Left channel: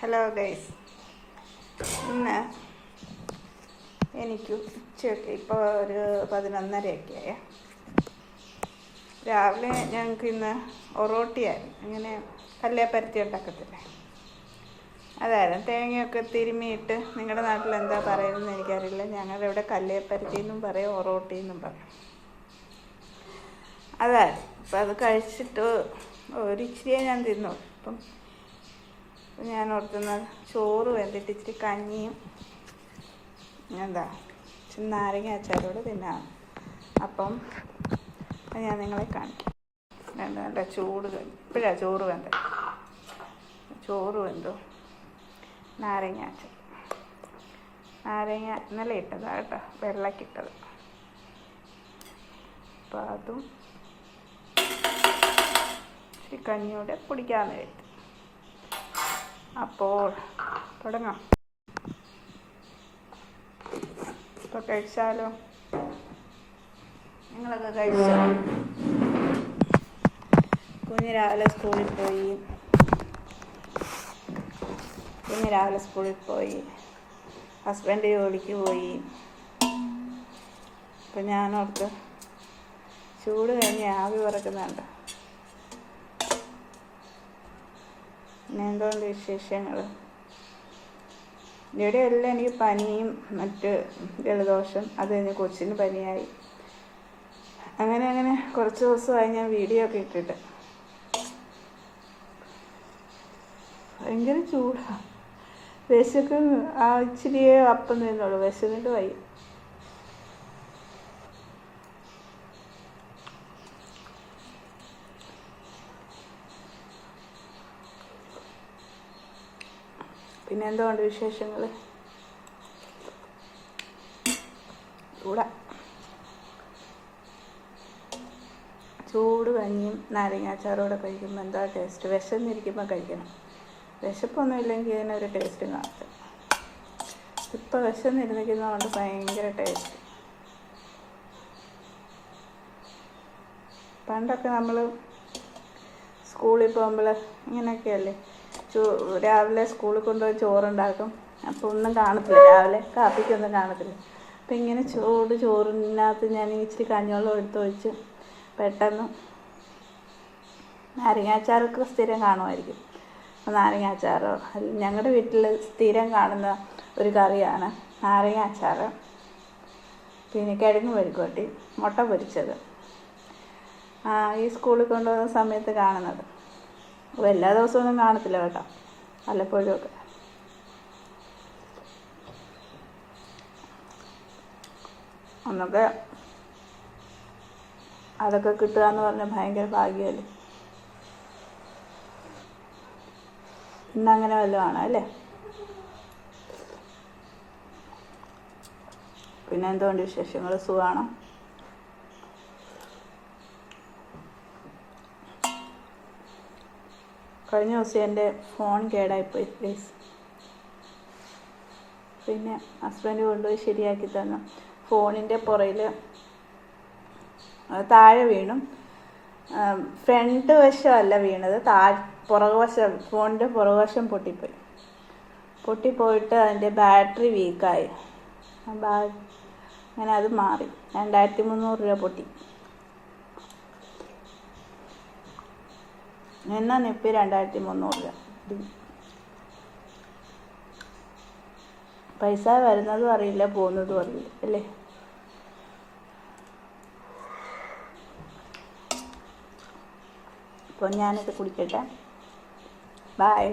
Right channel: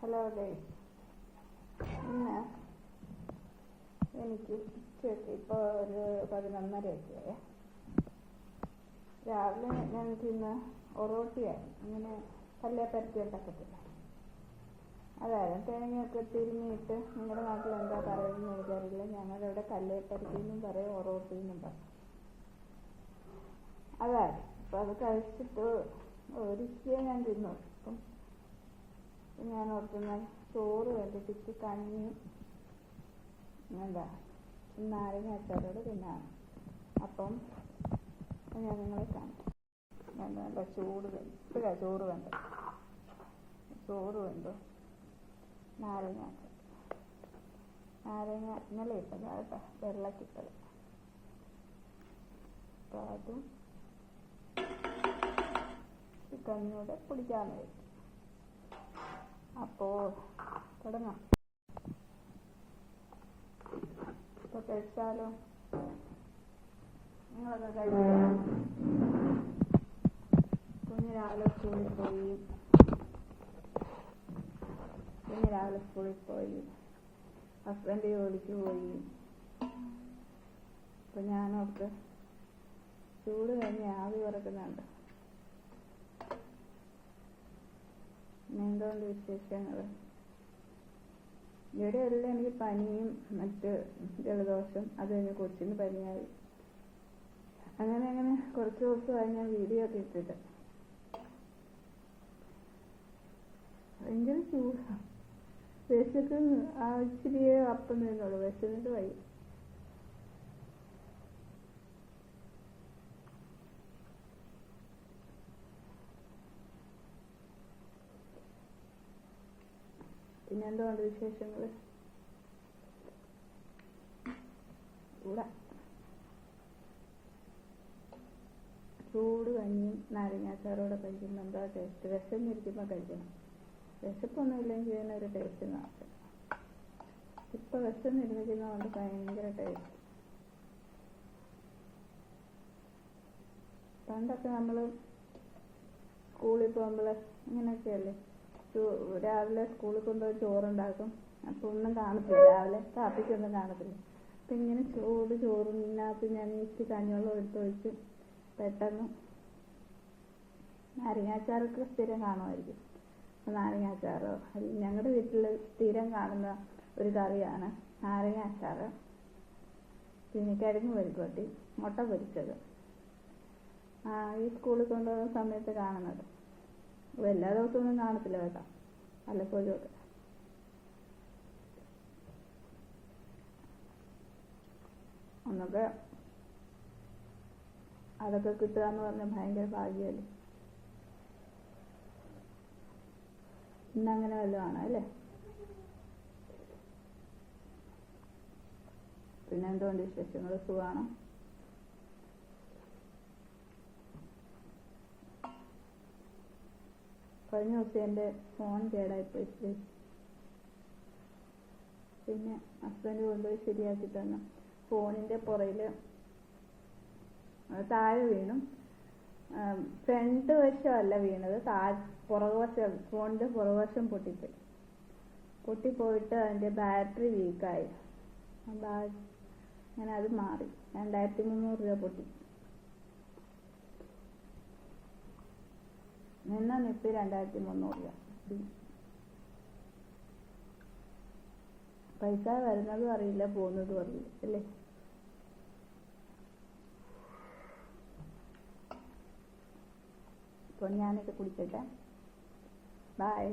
Hello guys ഇന്ന് എനിക്ക് ഉച്ചയൊക്കെ ഇപ്പോൾ ഒരു പതിനൊന്നരയൊക്കെ ആയേ രാവിലെ ഞങ്ങൾക്ക് ഇന്ന് ഒറോട്ടിയായിരുന്നു. ഇങ്ങനെ കല്ലേപ്പരത്തി ഉണ്ടാക്കത്തില്ലേ? അതായിരുന്നു തേങ്ങയൊക്കെ തിരുമിയിട്ട് നിങ്ങളുടെ നാട്ടിൽ എന്താ പറയുന്നത് എനിക്കറിയില്ല. ഞങ്ങളുടെ ഇവിടെ കല്ലേപ്പരത്തി എന്നും പറയും ഒറോട്ടി എന്നും പറയും. അതായിരുന്നു അപ്പം അത് കഴിച്ചിട്ട് ഒരു ഇച്ചിരിയെ ഞാൻ തിന്നു അപ്പം ഞാൻ ഓർക്കുന്ന ചോറ് വെന്തിട്ട് ഇച്ചിരി കഞ്ഞിയും എന്താ നാരങ്ങ അച്ചാരോട് തിന്നാം. അപ്പം ഞാൻ നിങ്ങളെ കാണിക്കാം. വേണ്ട വേണ്ട ചൂട് ഇപ്പോഴാണ് ചോറ് വേണ്ട ചോറ് വെന്തോ? നാരങ്ങ അച്ചാർ. നാരങ്ങ ഇന്നലെ ഇട്ടതാ കേട്ടോ വെള്ളക്കിട്ടത് അപ്പം അതും കഞ്ഞിയോടെ കുടിക്കാമെന്ന് കരുതി. അപ്പോൾ തുടങ്ങാം. ഇപ്പോൾ കഴിച്ചാലോ? നിങ്ങളൊക്കെ കഴിച്ചോ? കുഞ്ഞ് രാവിലെ സ്കൂളിൽ പോയി. കുഞ്ഞ് രാവിലെ സ്കൂളിൽ പോയി. ഹസ്ബൻഡ് ജോലിക്ക് പോയി. അപ്പം ഞാനോർത്ത് ചൂട് കഴിഞ്ഞ് ആവി പറക്കുന്നുണ്ട് പിന്നെ എന്തുകൊണ്ട് വിശേഷങ്ങൾ ഇവിടെയെല്ലാം എനിക്ക് പനിയും മറ്റ് ജലദോഷം അത് കഴിഞ്ഞ് കൊച്ചിന് പനിയായി. അങ്ങനെ അങ്ങനെ കുറച്ച് ദിവസമായി ഞാൻ വീഡിയോ ഒക്കെ ഇട്ടിട്ട്. ഭയങ്കര ചൂടാണ് വിശക്കും ആ ഇച്ചിരിയേ അപ്പം നിന്നുള്ളൂ വിശന്നിട്ട് വയ്യ. പിന്നെ എന്തുകൊണ്ട് വിശേഷങ്ങൾ ചൂട കഞ്ഞിയും നാരങ്ങാച്ചാറോടെ കഴിക്കുമ്പോൾ എന്താ ടേസ്റ്റ് വിശന്നിരിക്കുമ്പോൾ കഴിക്കണം. വിശപ്പൊന്നും ഇല്ലെങ്കിൽ ഇതിനൊരു ടേസ്റ്റ് കാണത്തില്ല. ഇപ്പം വിശന്നിരുന്നിരിക്കുന്നതുകൊണ്ട് ഭയങ്കര ടേസ്റ്റ് പണ്ടൊക്കെ നമ്മൾ സ്കൂളിൽ പോകുമ്പോൾ ഇങ്ങനെയൊക്കെയല്ലേ? രാവിലെ സ്കൂളിൽ കൊണ്ടുപോയി ചോറുണ്ടാക്കും. അപ്പോൾ ഒന്നും കാണത്തില്ല. രാവിലെ കാപ്പിക്കൊന്നും കാണത്തില്ല. അപ്പം ഇങ്ങനെ ചൂട് ചോറിനകത്ത് ഞാൻ ഇച്ചിരി കഞ്ഞിവെള്ളം എടുത്ത് ഒഴിച്ച് പെട്ടെന്ന് നാരങ്ങാച്ചാറൊക്കെ സ്ഥിരം കാണുമായിരിക്കും. നാരങ്ങാച്ചാറോ? ഞങ്ങളുടെ വീട്ടിൽ സ്ഥിരം കാണുന്ന ഒരു കറിയാണ് നാരങ്ങാച്ചാർ പിന്നെ കിഴങ്ങ് പരിക്കോട്ടി മുട്ട പൊരിച്ചത്. ഈ സ്കൂളിൽ കൊണ്ടുപോകുന്ന സമയത്ത് കാണുന്നത്. അപ്പോൾ എല്ലാ ദിവസമൊന്നും കാണത്തില്ല കേട്ടോ. വല്ലപ്പോഴും ഒക്കെ ഒന്നൊക്കെ അതൊക്കെ കിട്ടുക എന്ന് പറഞ്ഞാൽ ഭയങ്കര ഭാഗ്യമല്ലേ ഇന്നങ്ങനെ വല്ലതുമാണ് അല്ലേ? പിന്നെ എന്തുകൊണ്ട് വിശേഷങ്ങൾ സുഖമാണോ കഴിഞ്ഞ ദിവസം എന്റെ ഫോൺ കേടായിപ്പോയി പ്ലീസ് പിന്നെ ഹസ്ബൻഡ് കൊണ്ടുപോയി ശരിയാക്കി തന്നു. ഫോണിന്റെ പുറയിൽ താഴെ വീണു. ഫ്രണ്ട് വശമല്ല വീണത്. താഴ് പുറകുവശം ഫോണിന്റെ പുറകുവശം പൊട്ടിപ്പോയി. പൊട്ടിപ്പോയിട്ട് അതിന്റെ ബാറ്ററി വീക്കായി അങ്ങനെ അത് മാറി. രണ്ടായിരത്തി മുന്നൂറ് രൂപ പൊട്ടി. എന്നാ നിപ്പി രണ്ടായിരത്തി മുന്നൂറ് രൂപ പൈസ വരുന്നതും അറിയില്ല പോകുന്നതും അറിയില്ല അല്ലേ? അപ്പോൾ ഞാനിത് കുടിക്കട്ടെ. ബായ്